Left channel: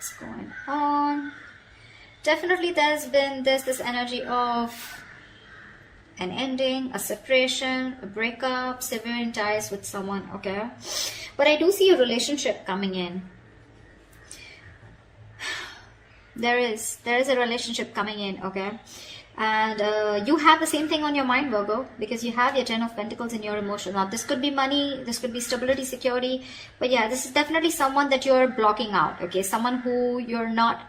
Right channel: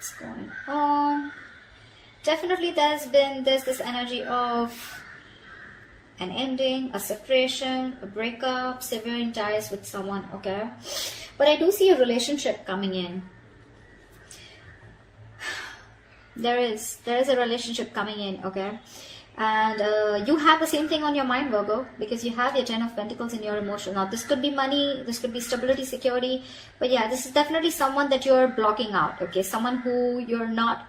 What's going on? Definitely there's this energy of an ending, a separation, a breakup, severing ties with someone, okay? But I do see a relationship coming in. There is a relationship coming in, okay? And you have the same thing on your mind, Virgo, because you have your 10 of Pentacles in your emotion. Now, this could be money, this could be stability, security, but yeah, this is definitely someone that you're blocking out, okay? Someone who you're not,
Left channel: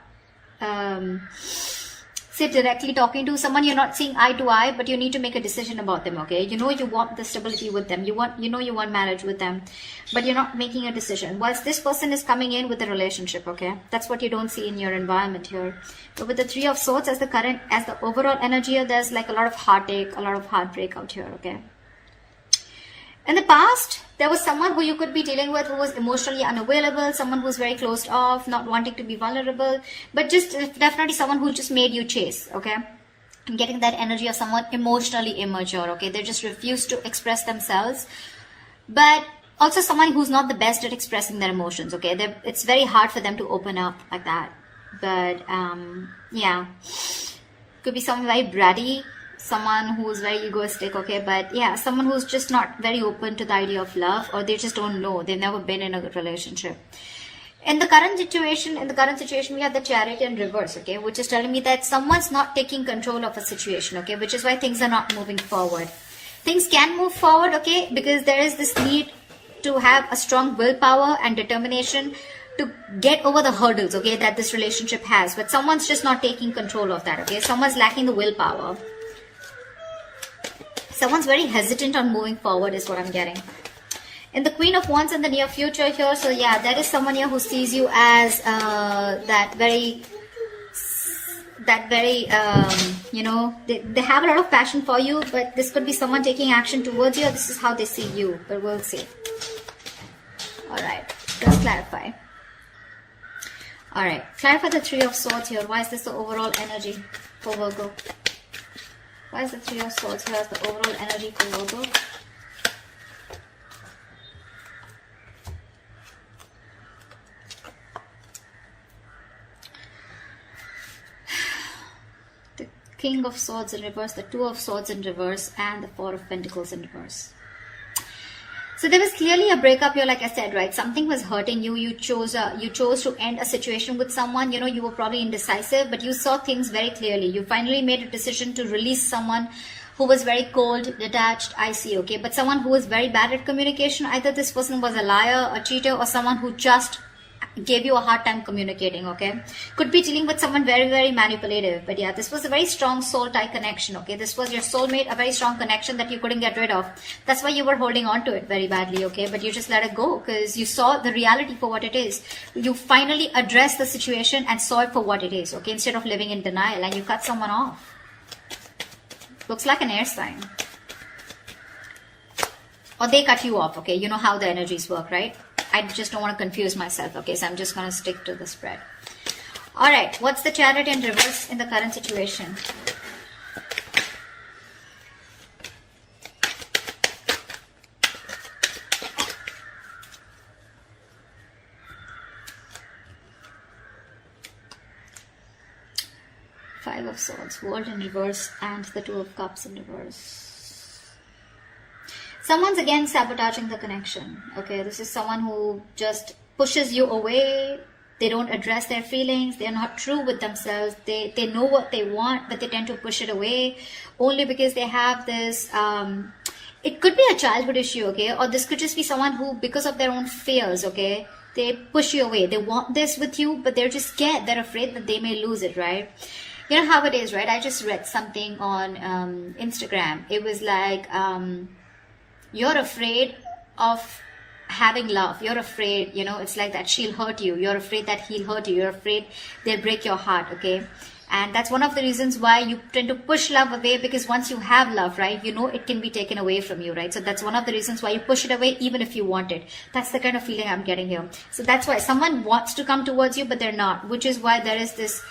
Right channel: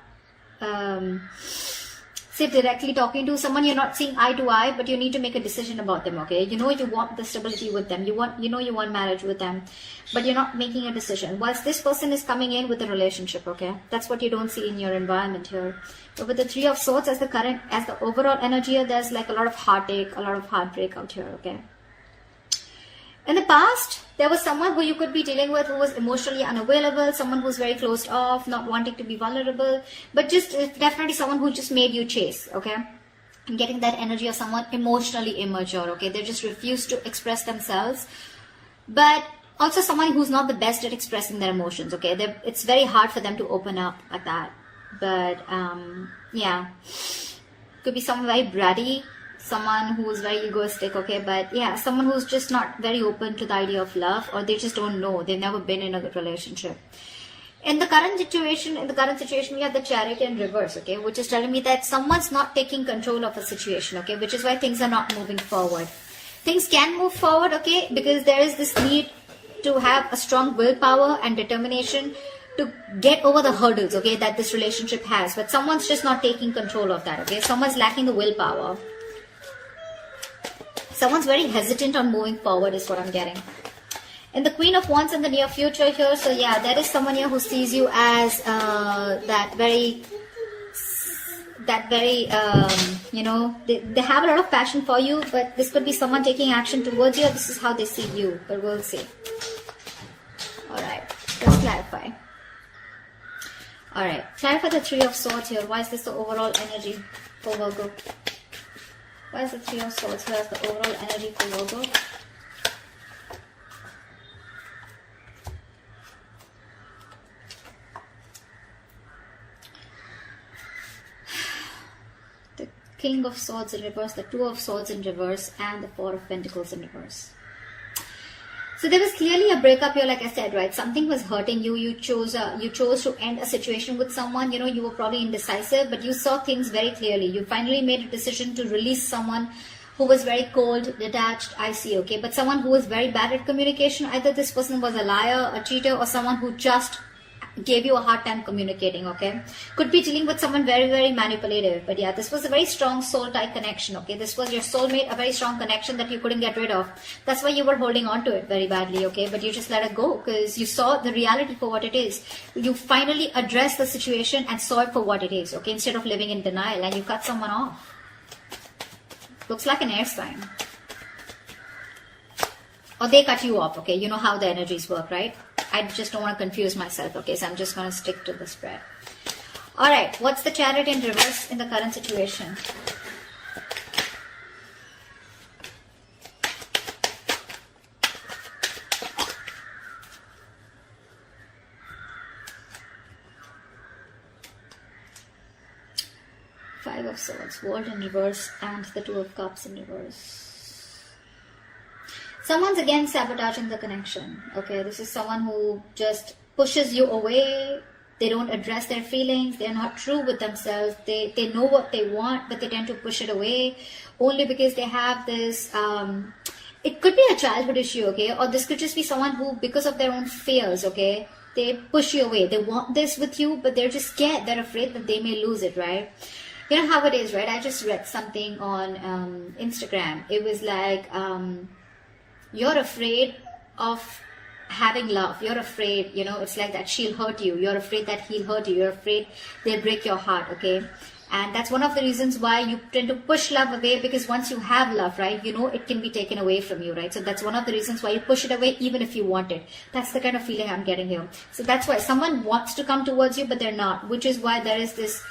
say, directly talking to, someone you're not seeing eye to eye, but you need to make a decision about them, okay? You know you want the stability with them, you want marriage with them, but you're not making a decision. Whilst this person is coming in with a relationship, okay? That's what you don't see in your environment here. But with the Three of Swords as the overall energy here, there's like a lot of heartache, a lot of heartbreak out here, okay? In the past, there was someone who you could be dealing with who was emotionally unavailable, someone who's very closed off, not wanting to be vulnerable, but just definitely someone who just made you chase, okay? I'm getting that energy of someone emotionally immature, okay? They just refuse to express themselves, but also someone who's not the best at expressing their emotions, okay? It's very hard for them to open up like that, but yeah, could be someone very bratty, someone who's very egoistic, okay? But yeah, someone who's just not very open to the idea of love, or they just don't know, they've never been in a relationship. In the current situation, we have the Chariot in reverse, okay, which is telling me that someone's not taking control of a situation, okay, which is why things are not moving forward. Things can move forward, okay, because there is this need to have a strong willpower and determination to get over the hurdles, okay, that this relationship has, but someone's just not taking control of that, okay? Someone's lacking the willpower. Someone's very hesitant on moving forward is what I'm getting. And the Queen of Wands in the near future here, so yeah, there is someone here who sees you as that very, you know, they have a lot of passion for you, but this could be someone taking action towards you. This is how they see you, but we'll see. Alright, let's clarify. Alright, clarify the Three of Swords here. Why is this the overall energy for Virgo? Why is the Three of Swords here as the overall energy for Virgo? The King of Swords in reverse, the Two of Swords in reverse, and the Four of Pentacles in reverse. So there was clearly a breakup here, like I said, right? Something was hurting you. You chose to end a situation with someone. You know, you were probably indecisive, but you saw things very clearly. You finally made a decision to release someone who was very cold, detached, icy, okay? But someone who was very bad at communication. Either this person was a liar, a cheater, or someone who just gave you a hard time communicating, okay? Could be dealing with someone very, very manipulative. But yeah, this was a very strong soul tie connection, okay? This was your soulmate, a very strong connection that you couldn't get rid of. That's why you were holding on to it very badly, okay? But you just let it go because you saw the reality for what it is. You finally addressed the situation and saw it for what it is, okay? Instead of living in denial, and you cut someone off. Looks like an air sign. Or they cut you off, okay? You know how the energies work, right? I just don't want to confuse myself, okay? So I'm just going to stick to the spread. Alright, what's the Chariot in reverse in the current situation? Five of Swords, World in reverse, and the Two of Cups in reverse. Someone's again sabotaging the connection, okay? This is someone who just pushes you away. They don't address their feelings. They're not true with themselves. They know what they want, but they tend to push it away only because they have this, it could be a childhood issue, okay? Or this could just be someone who, because of their own fears, okay? They push you away. They want this with you, but they're just scared. They're afraid that they may lose it, right? You know how it is, right? I just read something on Instagram. It was like, you're afraid of having love. You're afraid, you know, it's like that she'll hurt you. You're afraid that he'll hurt you. You're afraid they'll break your heart, okay? And that's one of the reasons why you tend to push love away, because once you have love, right, you know it can be taken away from you, right? So that's one of the reasons why you push it away even if you want it. That's the kind of feeling I'm getting here. So that's why someone wants to come towards you, but they're not, which is why there is this,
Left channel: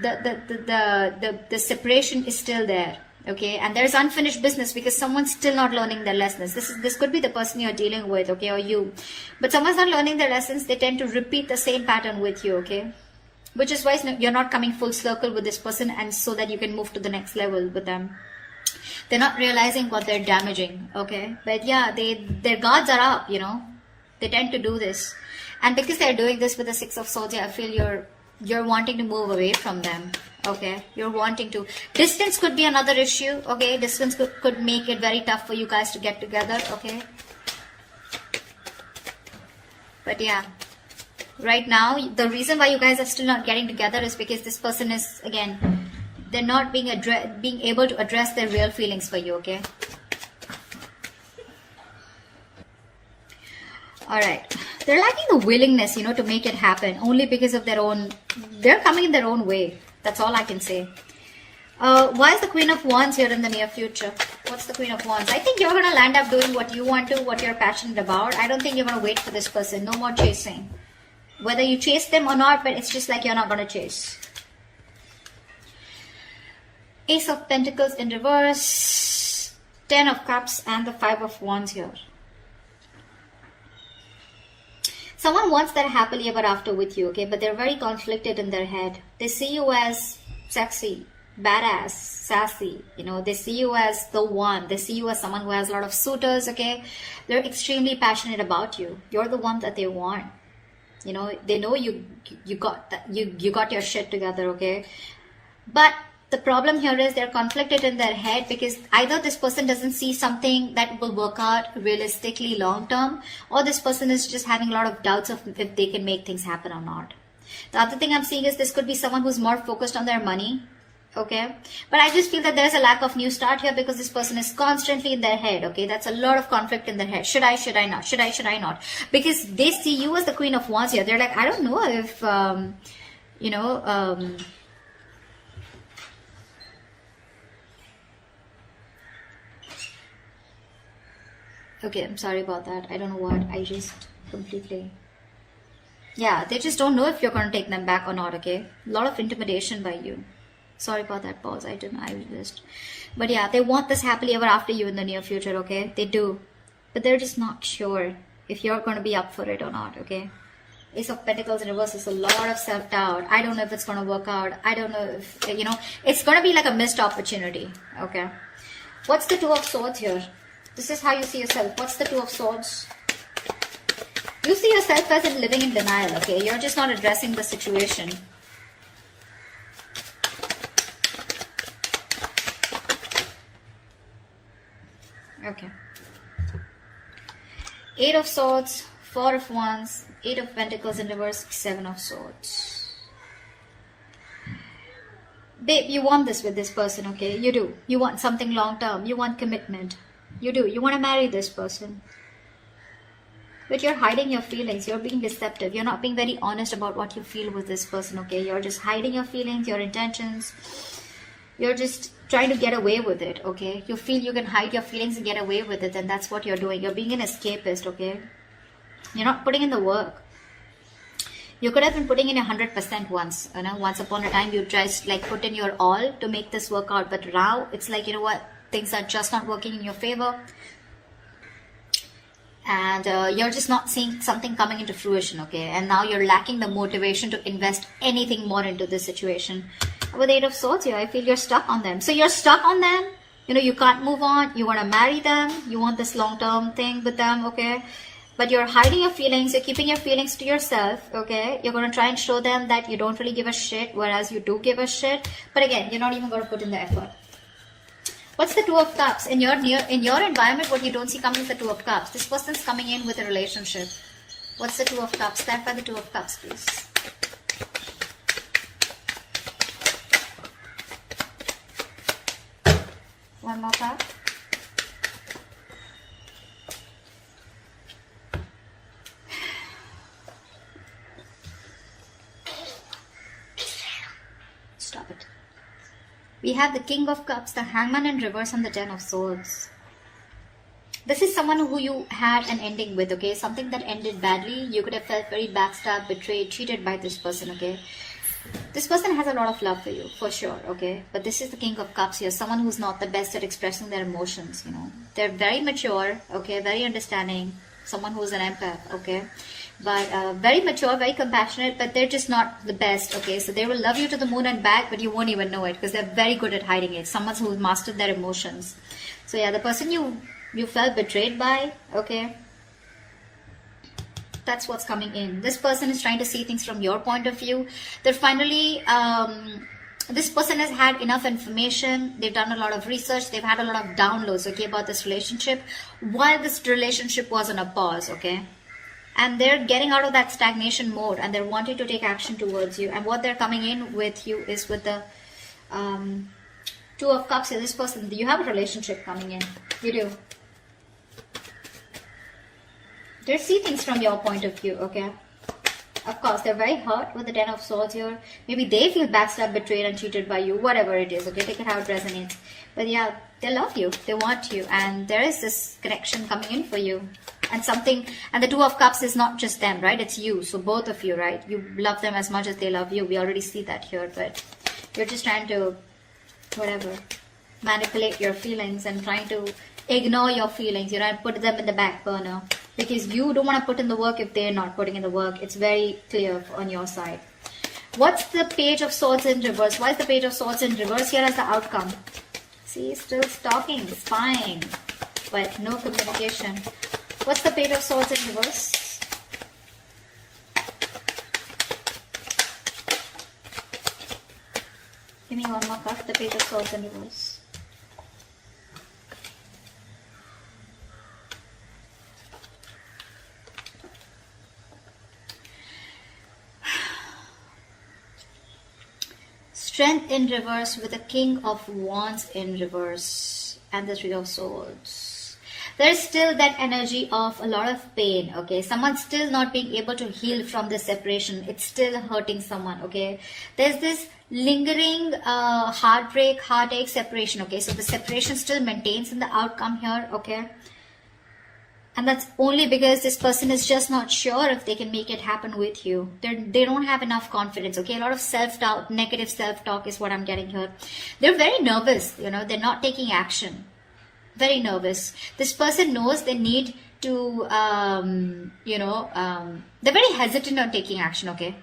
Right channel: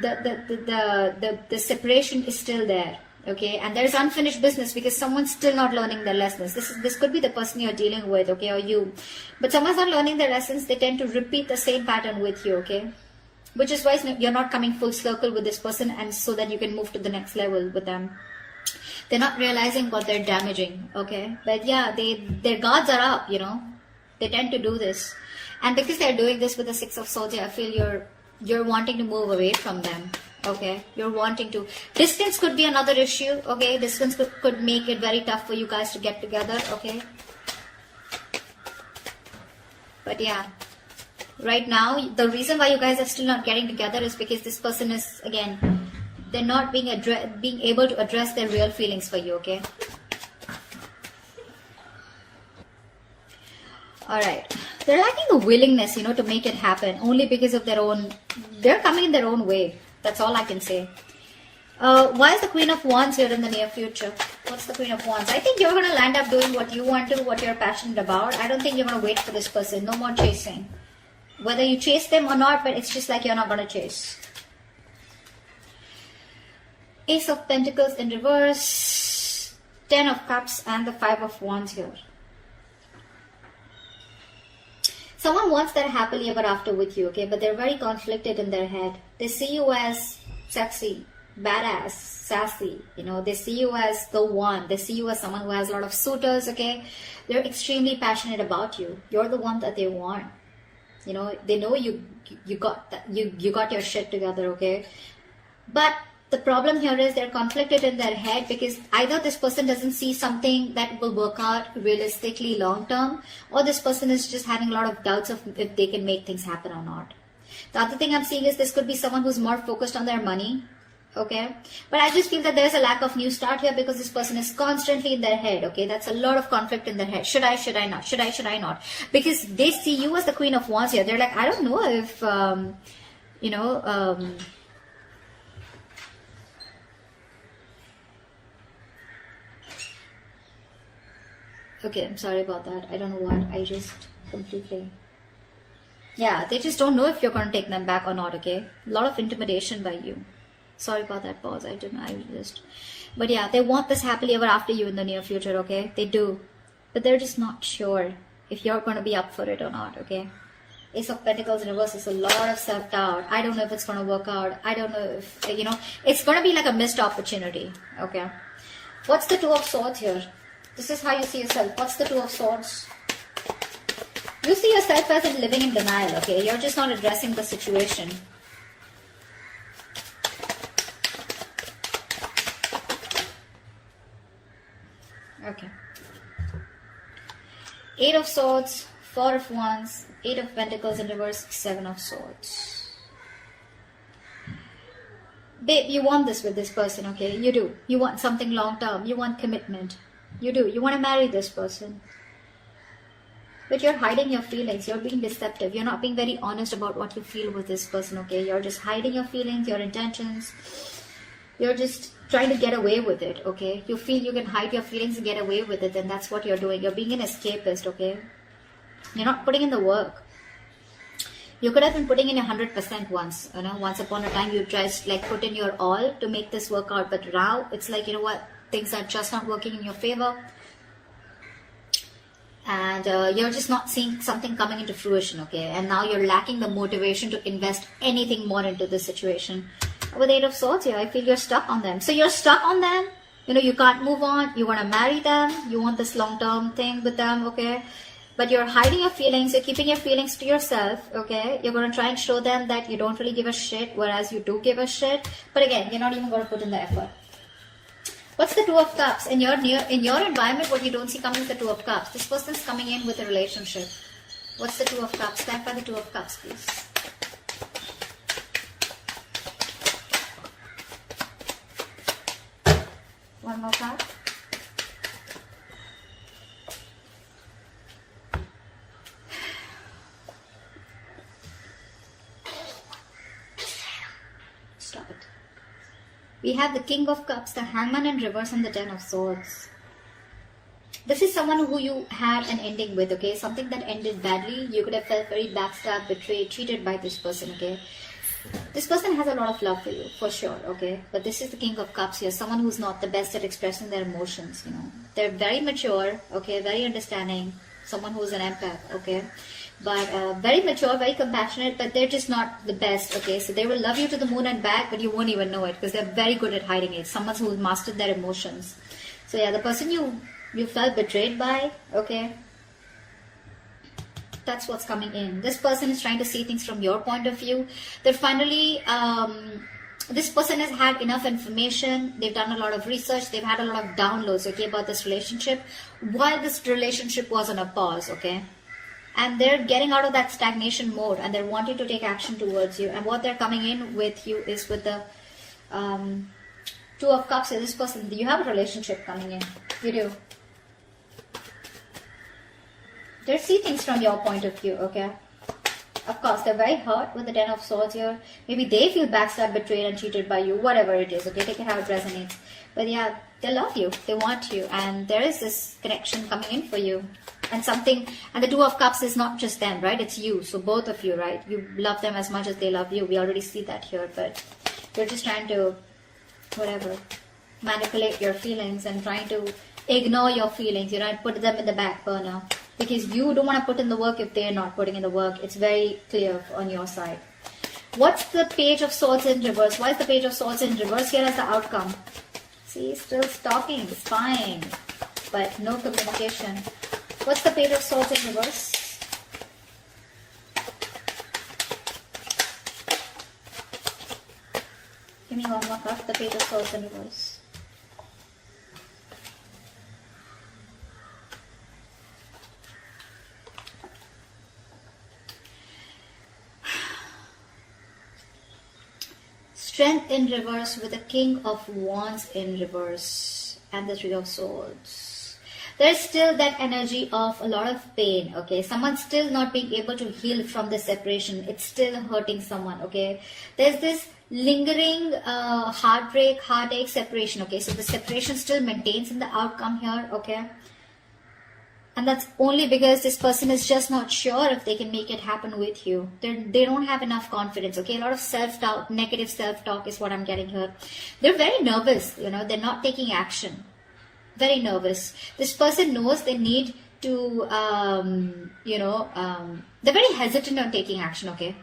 the separation is still there. Okay, and there's unfinished business because someone's still not learning their lessons. This could be the person you're dealing with, okay, or you. But someone's not learning their lessons. They tend to repeat the same pattern with you, okay? which is why you're not coming full circle with this person, and so that you can move to the next level with them. They're not realizing what they're damaging, okay? But yeah, their guards are up, you know. They tend to do this, and because they're doing this with the Six of Swords, I feel you're wanting to move away from them, okay? You're wanting to. Distance could be another issue, okay? Distance could make it very tough for you guys to get together, okay? But yeah, right now, the reason why you guys are still not getting together is because this person is, again, they're not being able to address their real feelings for you, okay? Alright. They're lacking the willingness, you know, to make it happen, only because of their own, they're coming in their own way. That's all I can say. Why is the Queen of Wands here in the near future? What's the Queen of Wands? I think you're going to land up doing what you want to, what you're passionate about. I don't think you're going to wait for this person. No more chasing. Whether you chase them or not, but it's just like you're not going to chase. Ace of Pentacles in reverse, 10 of Cups, and the 5 of Wands here. Someone wants their happily ever after with you, okay? But they're very conflicted in their head. They see you as sexy, badass, sassy. You know, they see you as the one. They see you as someone who has a lot of suitors, okay? They're extremely passionate about you. You're the one that they want. You know, they know you got that. You got your shit together, okay? But the problem here is they're conflicted in their head because either this person doesn't see something that will work out realistically long term, or this person is just having a lot of doubts of if they can make things happen or not. The other thing I'm seeing is this could be someone who's more focused on their money, okay? But I just feel that there's a lack of new start here because this person is constantly in their head, okay? That's a lot of conflict in their head. Should I not? Should I not? Because they see you as the Queen of Wands here. They're like, I don't know if, okay, I'm sorry about that. I don't know what. I just completely... Yeah, they just don't know if you're going to take them back or not, okay? A lot of intimidation by you. Sorry about that pause. But yeah, they want this happily ever after you in the near future, okay? They do. But they're just not sure if you're going to be up for it or not, okay? Ace of Pentacles in reverse is a lot of self-doubt. I don't know if it's going to work out. I don't know if, you know, it's going to be like a missed opportunity, okay? What's the Two of Swords here? This is how you see yourself. What's the Two of Swords? You see yourself as in living in denial, okay? You're just not addressing the situation. Okay. 8 of Swords, 4 of Wands, 8 of Pentacles in reverse, 7 of Swords. Babe, you want this with this person, okay? You do. You want something long term. You want commitment. You do. You want to marry this person. But you're hiding your feelings. You're being deceptive. You're not being very honest about what you feel with this person, okay? You're just hiding your feelings, your intentions. You're just trying to get away with it, okay? You feel you can hide your feelings and get away with it, and that's what you're doing. You're being an escapist, okay? You're not putting in the work. You could have been putting in 100% once. You know, once upon a time, you just like put in your all to make this work out. But now, it's like, you know what? Things are just not working in your favor. And you're just not seeing something coming into fruition, okay? And now you're lacking the motivation to invest anything more into this situation. With 8 of Swords here, I feel you're stuck on them. So you're stuck on them. You know, you can't move on. You want to marry them. You want this long-term thing with them, okay? But you're hiding your feelings. You're keeping your feelings to yourself, okay? You're going to try and show them that you don't really give a shit, whereas you do give a shit. But again, you're not even going to put in the effort. What's the Two of Cups? In your environment, what you don't see coming is the Two of Cups. This person's coming in with a relationship. What's the Two of Cups? Stand by the Two of Cups, please. One more card. Stop it. We have the King of Cups, the Hangman in reverse, and the 10 of Swords. This is someone who you had an ending with, okay? Something that ended badly. You could have felt very backstabbed, betrayed, cheated by this person, okay? This person has a lot of love for you, for sure, okay? But this is the King of Cups here, someone who's not the best at expressing their emotions, you know? They're very mature, okay? Very understanding. Someone who's an empath, okay? but very mature, very compassionate, but they're just not the best, okay? So they will love you to the moon and back, but you won't even know it because they're very good at hiding it. Someone who mastered their emotions. So yeah, the person you felt betrayed by, okay? That's what's coming in. This person is trying to see things from your point of view. They're finally, this person has had enough information. They've done a lot of research. They've had a lot of downloads, okay, about this relationship while this relationship was on a pause, okay? And they're getting out of that stagnation mode and they're wanting to take action towards you. And what they're coming in with you is with the Two of Cups. This person, you have a relationship coming in. You do. They see things from your point of view, okay? Of course, they're very hurt with the Ten of Swords here. Maybe they feel backstabbed, betrayed and cheated by you, whatever it is, okay? Take it how it resonates. But yeah, they love you, they want you, and there is this connection coming in for you. And something, and the Two of Cups is not just them, right? It's you, so both of you, right? You love them as much as they love you. We already see that here, but you're just trying to, whatever, manipulate your feelings and trying to ignore your feelings, you know, and put them in the back burner. Because you don't want to put in the work if they're not putting in the work. It's very clear on your side. What's the Page of Swords in reverse? Why is the Page of Swords in reverse? Here is the outcome. See, still stalking, spying, but no communication. What's the Page of Swords in reverse? Give me one more card. The Page of Swords in reverse. Strength in reverse with the King of Wands in reverse and the Three of Swords. There's still that energy of a lot of pain, okay? Someone's still not being able to heal from this separation. It's still hurting someone, okay? There's this lingering heartbreak, heartache, separation, okay? So the separation still maintains in the outcome here, okay? And that's only because this person is just not sure if they can make it happen with you. They don't have enough confidence, okay? A lot of self-doubt, negative self-talk is what I'm getting here. They're very nervous, you know. They're not taking action. Very nervous. This person knows they need to, they're very hesitant on taking action, okay?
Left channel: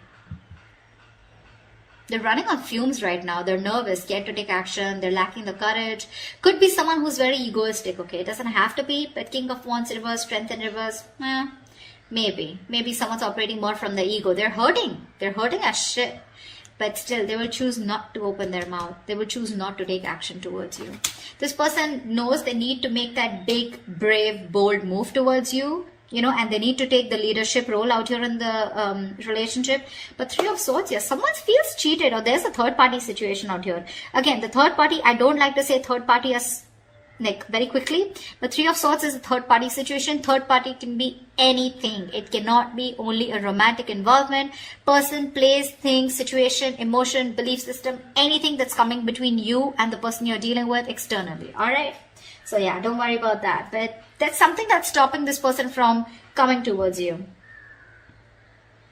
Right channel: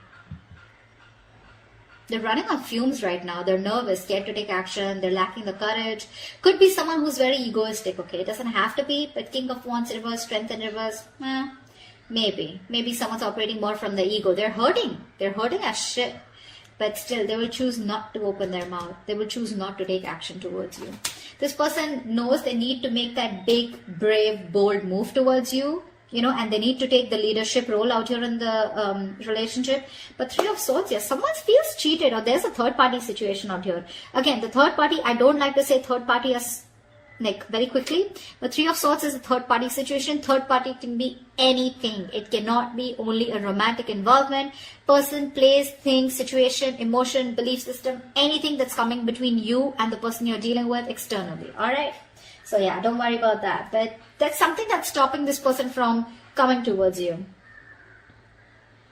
They're running on fumes right now. They're nervous, scared to take action. They're lacking the courage. Could be someone who's very egoistic, okay? It doesn't have to be, but King of Wands reverse, Strength in reverse, maybe. Maybe someone's operating more from the ego. They're hurting. They're hurting as shit. But still, they will choose not to open their mouth. They will choose not to take action towards you. This person knows they need to make that big, brave, bold move towards you. You know, and they need to take the leadership role out here in the relationship. But Three of Swords here, someone feels cheated or there's a third party situation out here. Again, the third party, I don't like to say third party as Nick very quickly, but Three of Swords is a third party situation. Third party can be anything. It cannot be only a romantic involvement. Person, place, thing, situation, emotion, belief system, anything that's coming between you and the person you're dealing with externally. All right. So yeah, don't worry about that. But that's something that's stopping this person from coming towards you.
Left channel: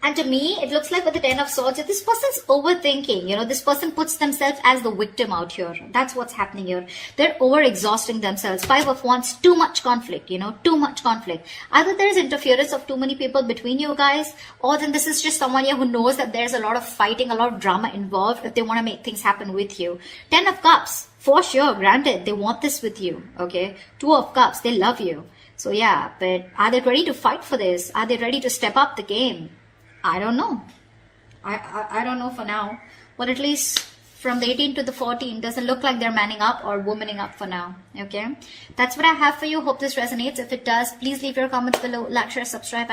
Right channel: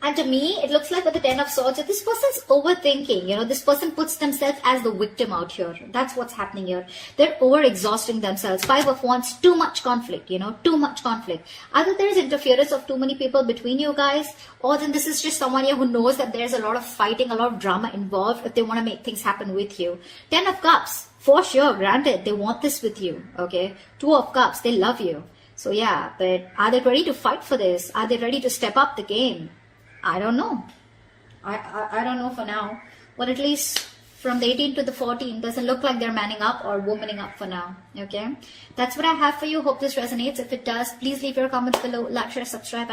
And to me, it looks like with the Ten of Swords, this person's overthinking. You know, this person puts themselves as the victim out here. That's what's happening here. They're over-exhausting themselves. Five of Wands, too much conflict, you know, too much conflict. Either there's interference of too many people between you guys, or then this is just someone here who knows that there's a lot of fighting, a lot of drama involved if they want to make things happen with you. Ten of Cups, for sure, granted, they want this with you, okay? Two of Cups, they love you. So yeah, but are they ready to fight for this? Are they ready to step up the game? I don't know. I don't know for now. Well, at least from the 18 to the 14, doesn't look like they're manning up or womaning up for now. Okay? That's what I have for you. Hope this resonates. If it does, please leave your comments below. Like, share, subscribe.